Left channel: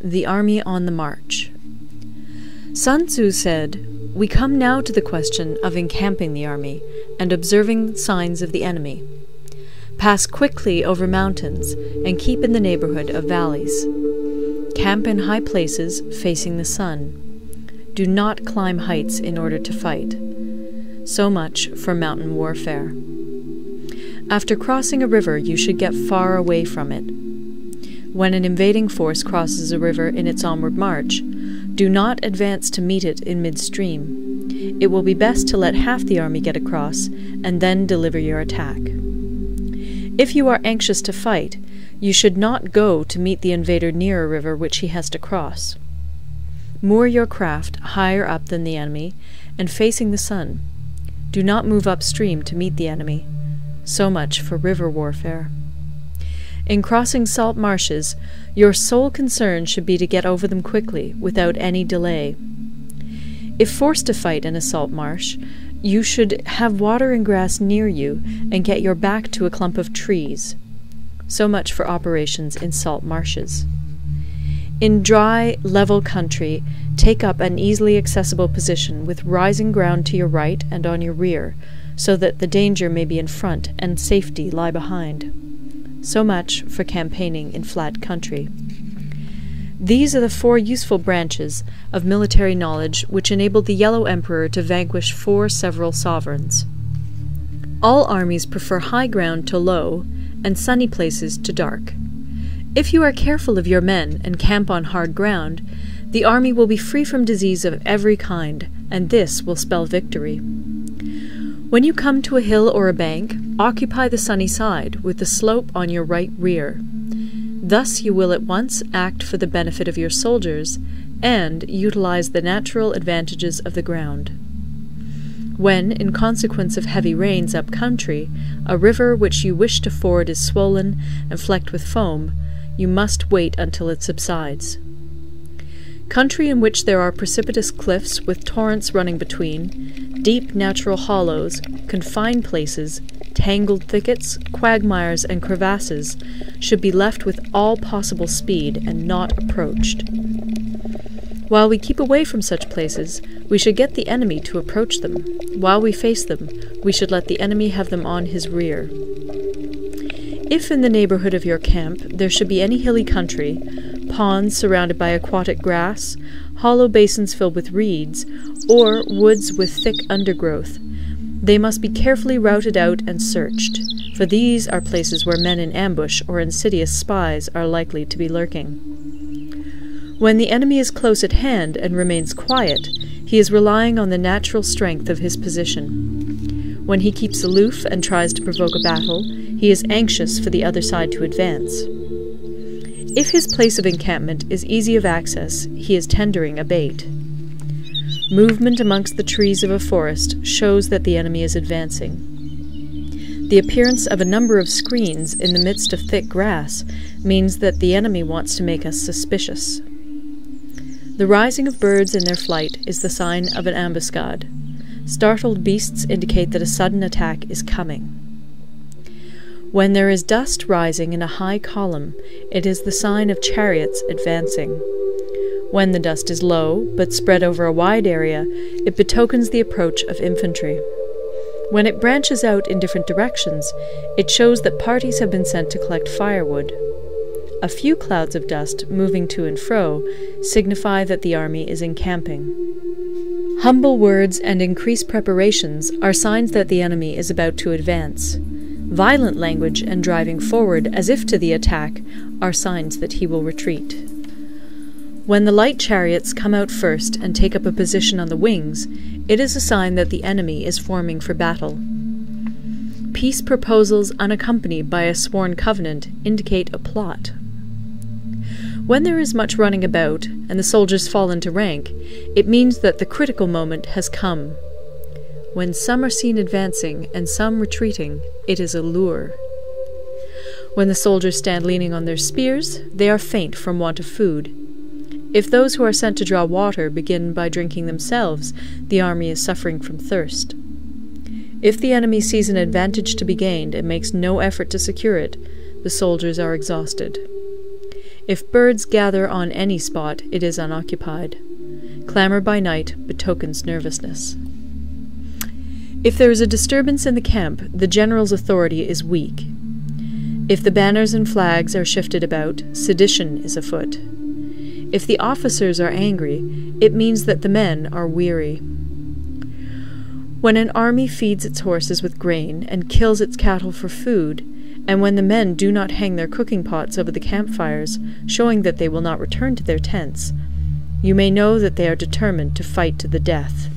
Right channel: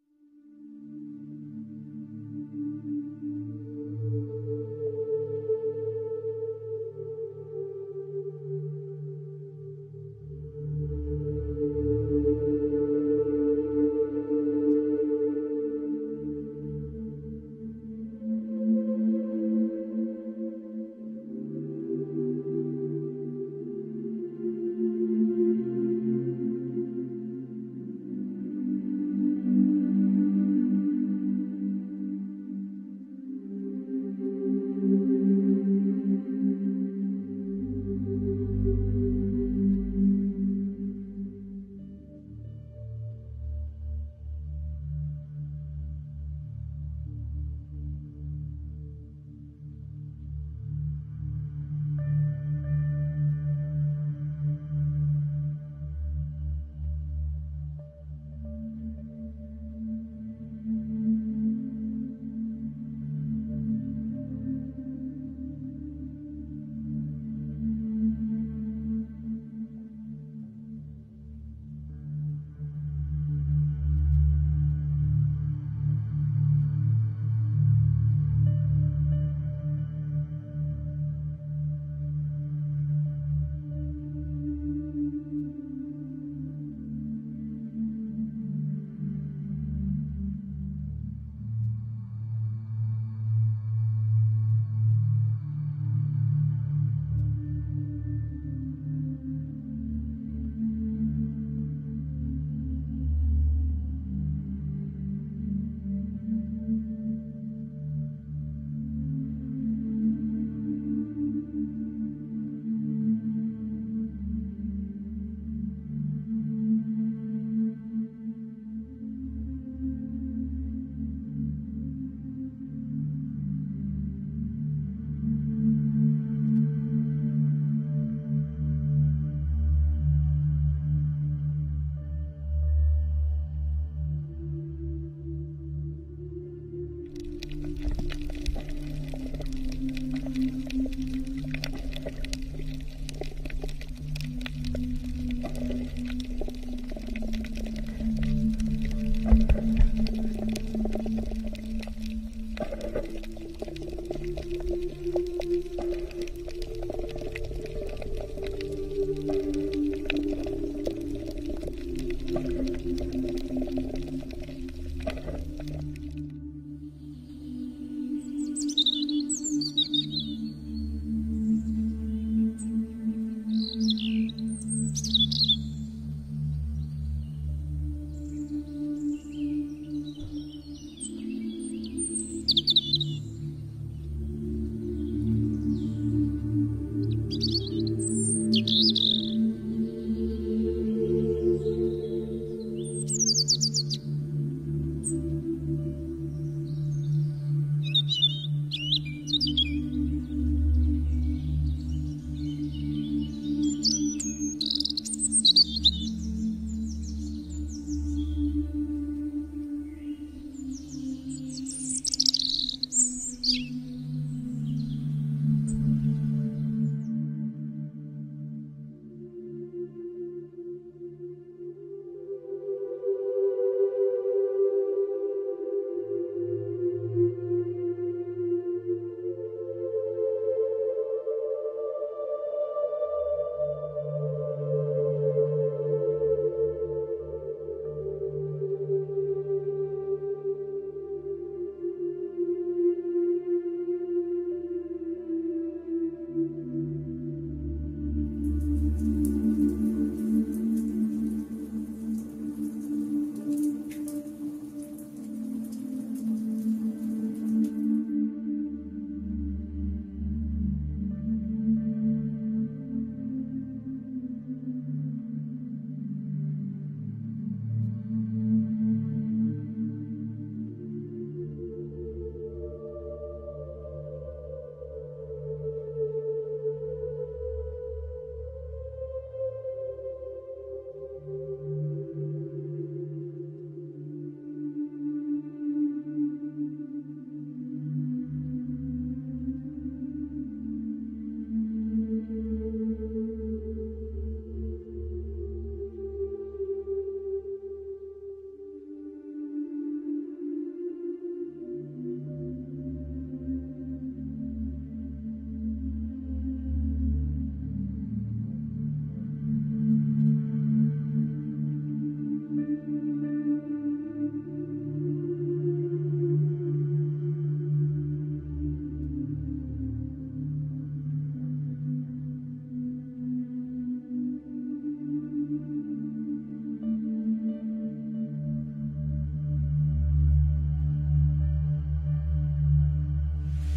The Army on the March. Sun Tzu said, "We come now to the question of encamping the army, and observing signs of the enemy. Pass quickly over mountains, and keep in the neighborhood of valleys. Camp in high places, facing the sun. Do not climb heights in order to fight." So much for mountain warfare. After crossing a river, you should get far away from it. When an invading force crosses a river in its onward march, do not advance to meet it in midstream. It will be best to let half the army get across, and then deliver your attack. If you are anxious to fight, you should not go to meet the invader near a river which he has to cross. Moor your craft higher up than the enemy, and facing the sun. Do not move upstream to meet the enemy. So much for river warfare. In crossing salt marshes, your sole concern should be to get over them quickly, without any delay. If forced to fight in a salt marsh, you should have water and grass near you, and get your back to a clump of trees. So much for operations in salt marshes. In dry, level country, take up an easily accessible position with rising ground to your right and on your rear, so that the danger may be in front and safety lie behind. So much for campaigning in flat country. These are the 4 useful branches of military knowledge which enabled the Yellow Emperor to vanquish 4 several sovereigns. All armies prefer high ground to low, and sunny places to dark. If you are careful of your men and camp on hard ground, the army will be free from disease of every kind, and this will spell victory. When you come to a hill or a bank, occupy the sunny side, with the slope on your right rear. Thus you will at once act for the benefit of your soldiers, and utilize the natural advantages of the ground. When, in consequence of heavy rains up country, a river which you wish to ford is swollen and flecked with foam, you must wait until it subsides. Country in which there are precipitous cliffs with torrents running between, deep natural hollows, confined places, tangled thickets, quagmires, and crevasses should be left with all possible speed and not approached. While we keep away from such places, we should get the enemy to approach them. While we face them, we should let the enemy have them on his rear. If in the neighborhood of your camp there should be any hilly country, ponds surrounded by aquatic grass, hollow basins filled with reeds, or woods with thick undergrowth, they must be carefully routed out and searched, for these are places where men in ambush or insidious spies are likely to be lurking. When the enemy is close at hand and remains quiet, he is relying on the natural strength of his position. When he keeps aloof and tries to provoke a battle, he is anxious for the other side to advance. If his place of encampment is easy of access, he is tendering a bait. Movement amongst the trees of a forest shows that the enemy is advancing. The appearance of a number of screens in the midst of thick grass means that the enemy wants to make us suspicious. The rising of birds in their flight is the sign of an ambuscade. Startled beasts indicate that a sudden attack is coming. When there is dust rising in a high column, it is the sign of chariots advancing. When the dust is low, but spread over a wide area, it betokens the approach of infantry. When it branches out in different directions, it shows that parties have been sent to collect firewood. A few clouds of dust moving to and fro signify that the army is encamping. Humble words and increased preparations are signs that the enemy is about to advance. Violent language and driving forward as if to the attack are signs that he will retreat. When the light chariots come out first and take up a position on the wings, it is a sign that the enemy is forming for battle. Peace proposals unaccompanied by a sworn covenant indicate a plot. When there is much running about, and the soldiers fall into rank, it means that the critical moment has come. When some are seen advancing and some retreating, it is a lure. When the soldiers stand leaning on their spears, they are faint from want of food. If those who are sent to draw water begin by drinking themselves, the army is suffering from thirst. If the enemy sees an advantage to be gained and makes no effort to secure it, the soldiers are exhausted. If birds gather on any spot, it is unoccupied. Clamour by night betokens nervousness. If there is a disturbance in the camp, the general's authority is weak. If the banners and flags are shifted about, sedition is afoot. If the officers are angry, it means that the men are weary. When an army feeds its horses with grain and kills its cattle for food, and when the men do not hang their cooking pots over the campfires, showing that they will not return to their tents, you may know that they are determined to fight to the death.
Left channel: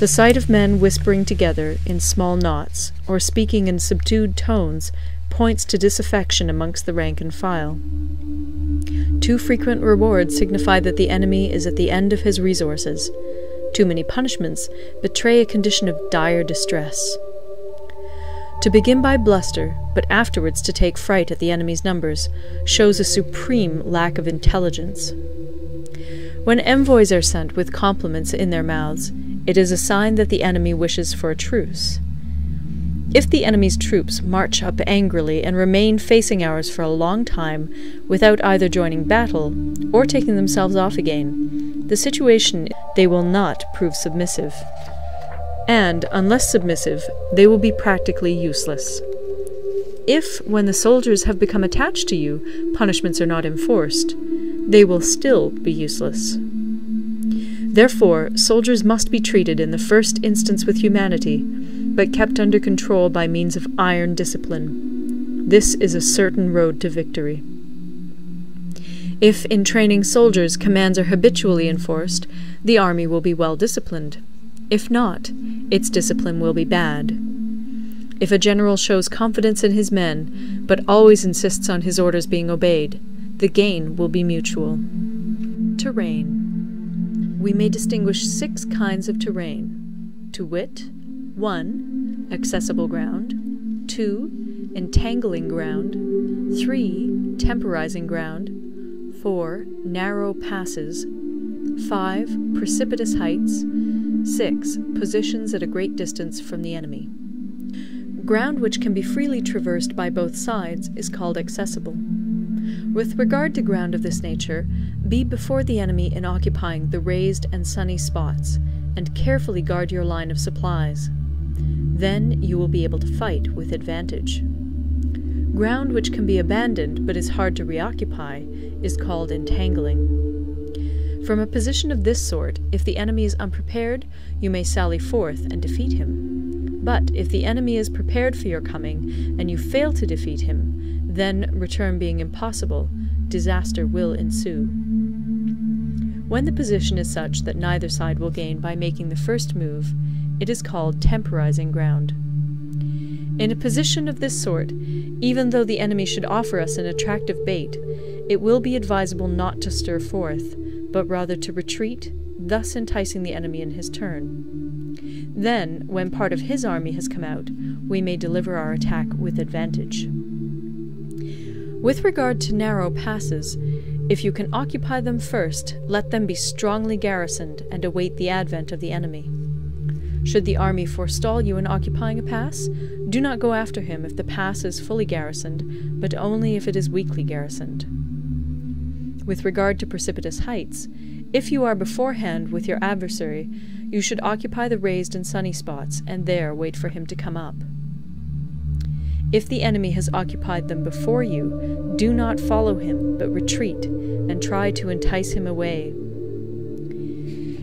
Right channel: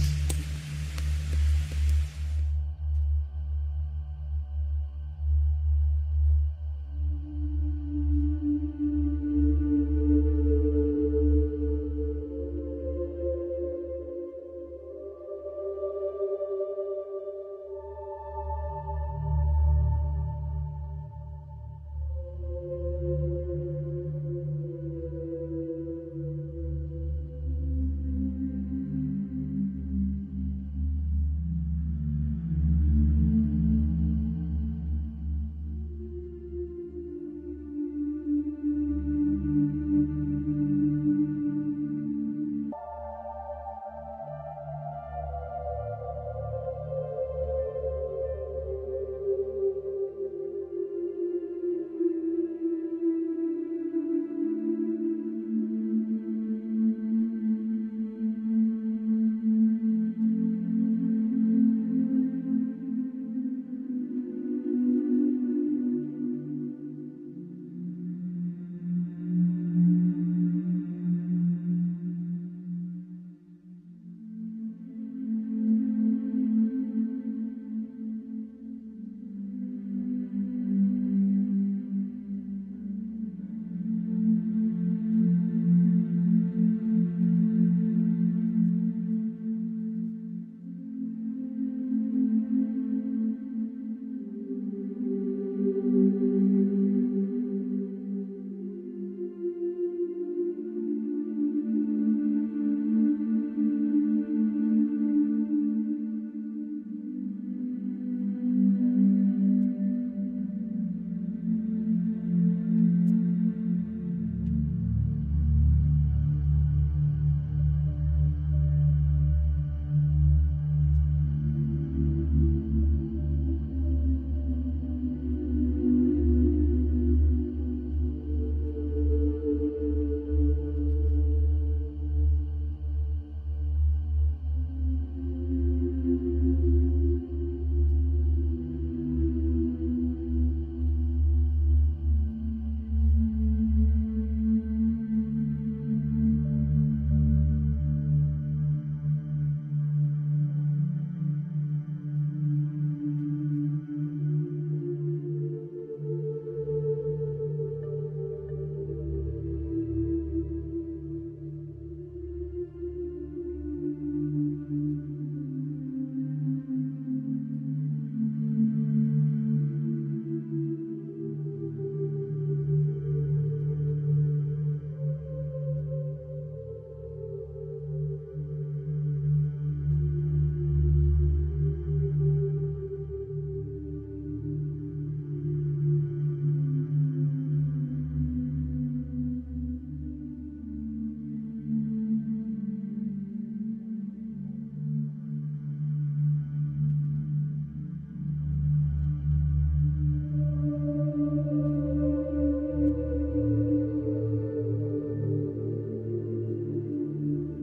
The sight of men whispering together in small knots, or speaking in subdued tones, points to disaffection amongst the rank and file. Too frequent rewards signify that the enemy is at the end of his resources. Too many punishments betray a condition of dire distress. To begin by bluster, but afterwards to take fright at the enemy's numbers, shows a supreme lack of intelligence. When envoys are sent with compliments in their mouths, it is a sign that the enemy wishes for a truce. If the enemy's troops march up angrily and remain facing ours for a long time without either joining battle or taking themselves off again, the situation they will not prove submissive. And, unless submissive, they will be practically useless. If, when the soldiers have become attached to you, punishments are not enforced, they will still be useless. Therefore, soldiers must be treated in the first instance with humanity, but kept under control by means of iron discipline. This is a certain road to victory. If, in training soldiers, commands are habitually enforced, the army will be well disciplined. If not, its discipline will be bad. If a general shows confidence in his men, but always insists on his orders being obeyed, the gain will be mutual. Terrain. We may distinguish 6 kinds of terrain, to wit, 1. Accessible ground, 2. Entangling ground, 3. Temporizing ground, 4. Narrow passes, 5. Precipitous heights, 6. Positions at a great distance from the enemy. Ground which can be freely traversed by both sides is called accessible. With regard to ground of this nature, be before the enemy in occupying the raised and sunny spots, and carefully guard your line of supplies. Then you will be able to fight with advantage. Ground which can be abandoned but is hard to reoccupy is called entangling. From a position of this sort, if the enemy is unprepared, you may sally forth and defeat him. But if the enemy is prepared for your coming, and you fail to defeat him, then, return being impossible, disaster will ensue. When the position is such that neither side will gain by making the first move, it is called temporizing ground. In a position of this sort, even though the enemy should offer us an attractive bait, it will be advisable not to stir forth, but rather to retreat, thus enticing the enemy in his turn. Then, when part of his army has come out, we may deliver our attack with advantage. With regard to narrow passes, if you can occupy them first, let them be strongly garrisoned and await the advent of the enemy. Should the army forestall you in occupying a pass, do not go after him if the pass is fully garrisoned, but only if it is weakly garrisoned. With regard to precipitous heights, if you are beforehand with your adversary, you should occupy the raised and sunny spots, and there wait for him to come up. If the enemy has occupied them before you, do not follow him, but retreat, and try to entice him away.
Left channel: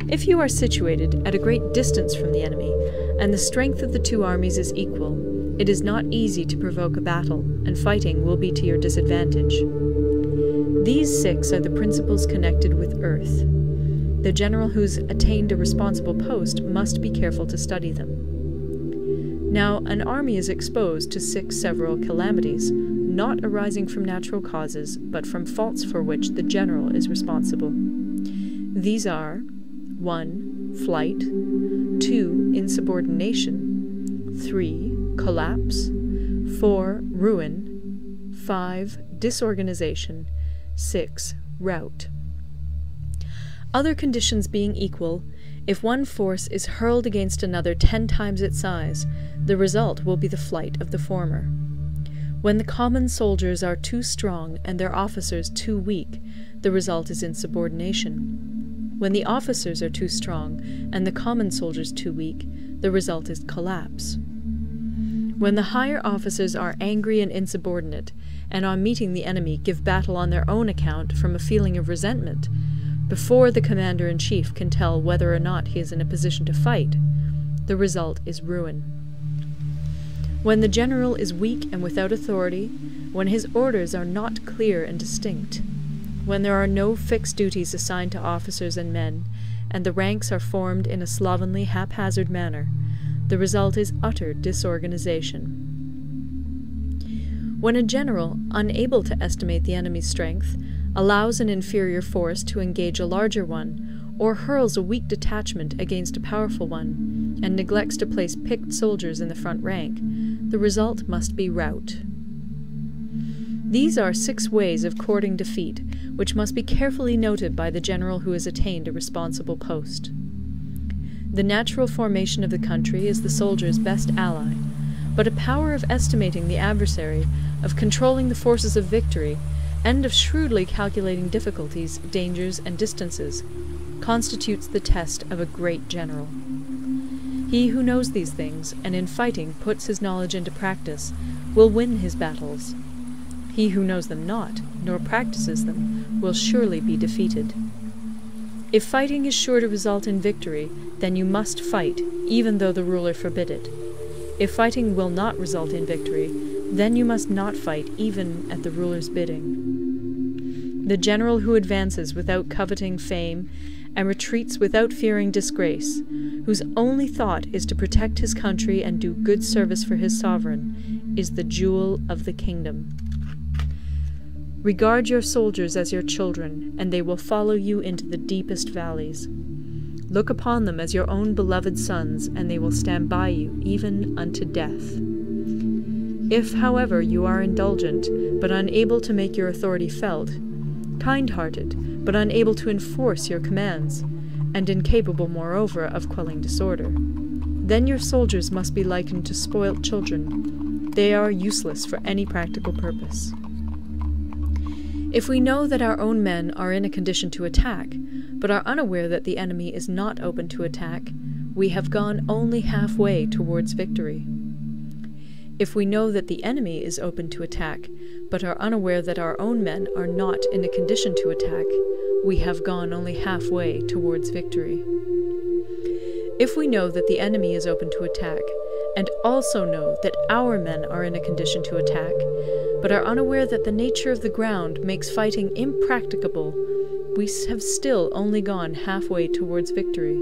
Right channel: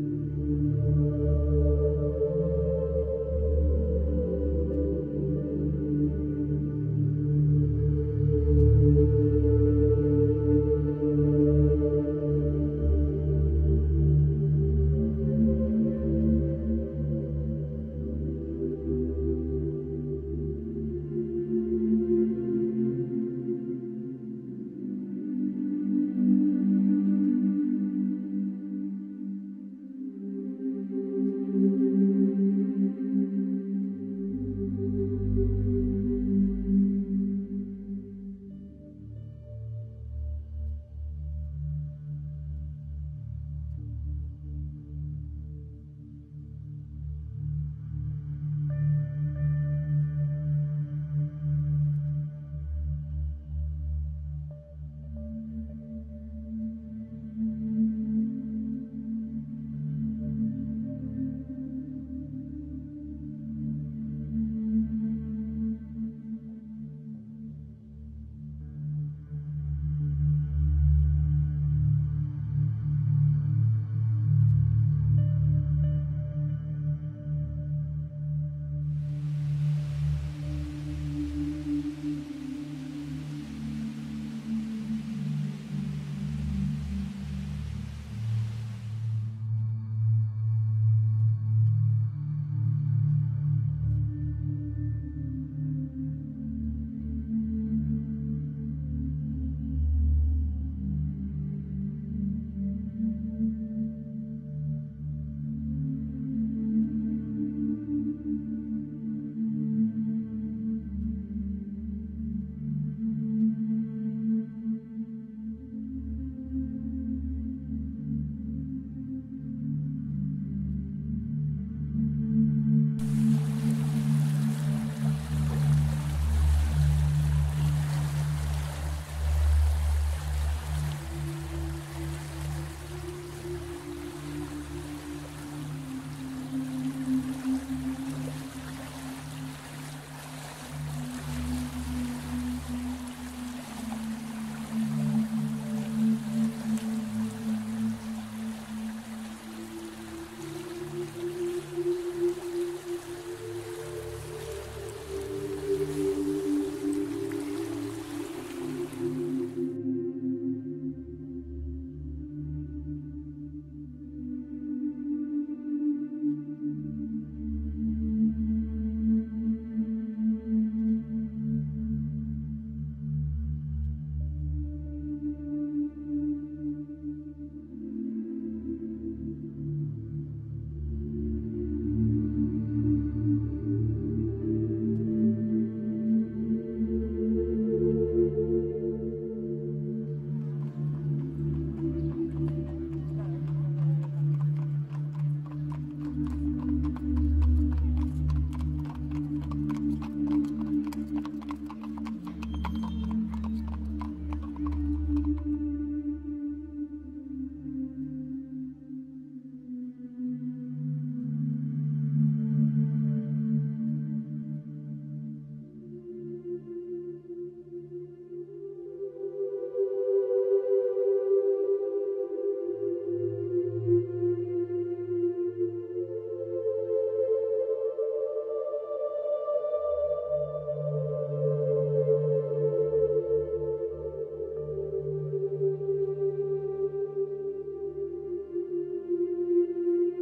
If you are situated at a great distance from the enemy, and the strength of the two armies is equal, it is not easy to provoke a battle, and fighting will be to your disadvantage. These 6 are the principles connected with earth. The general who's attained a responsible post must be careful to study them. Now, an army is exposed to 6 several calamities, not arising from natural causes, but from faults for which the general is responsible. These are 1. Flight, 2. Insubordination, 3. Collapse, 4. Ruin, 5. Disorganization, 6. Rout. Other conditions being equal, if one force is hurled against another 10 times its size, the result will be the flight of the former. When the common soldiers are too strong and their officers too weak, the result is insubordination. When the officers are too strong and the common soldiers too weak, the result is collapse. When the higher officers are angry and insubordinate, and on meeting the enemy give battle on their own account from a feeling of resentment, before the commander-in-chief can tell whether or not he is in a position to fight, the result is ruin. When the general is weak and without authority, when his orders are not clear and distinct, when there are no fixed duties assigned to officers and men, and the ranks are formed in a slovenly, haphazard manner, the result is utter disorganization. When a general, unable to estimate the enemy's strength, allows an inferior force to engage a larger one, or hurls a weak detachment against a powerful one, and neglects to place picked soldiers in the front rank, the result must be rout. These are 6 ways of courting defeat, which must be carefully noted by the general who has attained a responsible post. The natural formation of the country is the soldier's best ally, but a power of estimating the adversary, of controlling the forces of victory, and of shrewdly calculating difficulties, dangers, and distances, constitutes the test of a great general. He who knows these things, and in fighting puts his knowledge into practice, will win his battles. He who knows them not, nor practices them, will surely be defeated. If fighting is sure to result in victory, then you must fight, even though the ruler forbid it. If fighting will not result in victory, then you must not fight, even at the ruler's bidding. The general who advances without coveting fame, and retreats without fearing disgrace, whose only thought is to protect his country and do good service for his sovereign, is the jewel of the kingdom. Regard your soldiers as your children, and they will follow you into the deepest valleys. Look upon them as your own beloved sons, and they will stand by you even unto death. If, however, you are indulgent, but unable to make your authority felt, kind-hearted, but unable to enforce your commands, and incapable, moreover, of quelling disorder, then your soldiers must be likened to spoilt children. They are useless for any practical purpose. If we know that our own men are in a condition to attack, but are unaware that the enemy is not open to attack, we have gone only halfway towards victory. If we know that the enemy is open to attack, but are unaware that our own men are not in a condition to attack, we have gone only halfway towards victory. If we know that the enemy is open to attack, and also know that our men are in a condition to attack, but are unaware that the nature of the ground makes fighting impracticable, we have still only gone halfway towards victory.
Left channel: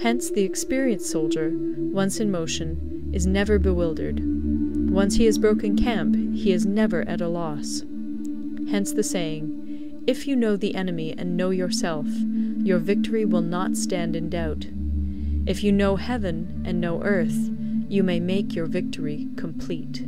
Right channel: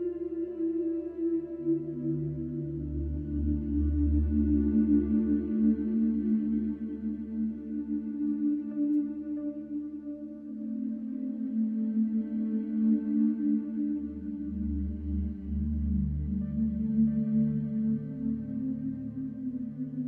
Hence the experienced soldier, once in motion, is never bewildered. Once he has broken camp, he is never at a loss. Hence the saying, if you know the enemy and know yourself, your victory will not stand in doubt. If you know heaven and know earth, you may make your victory complete.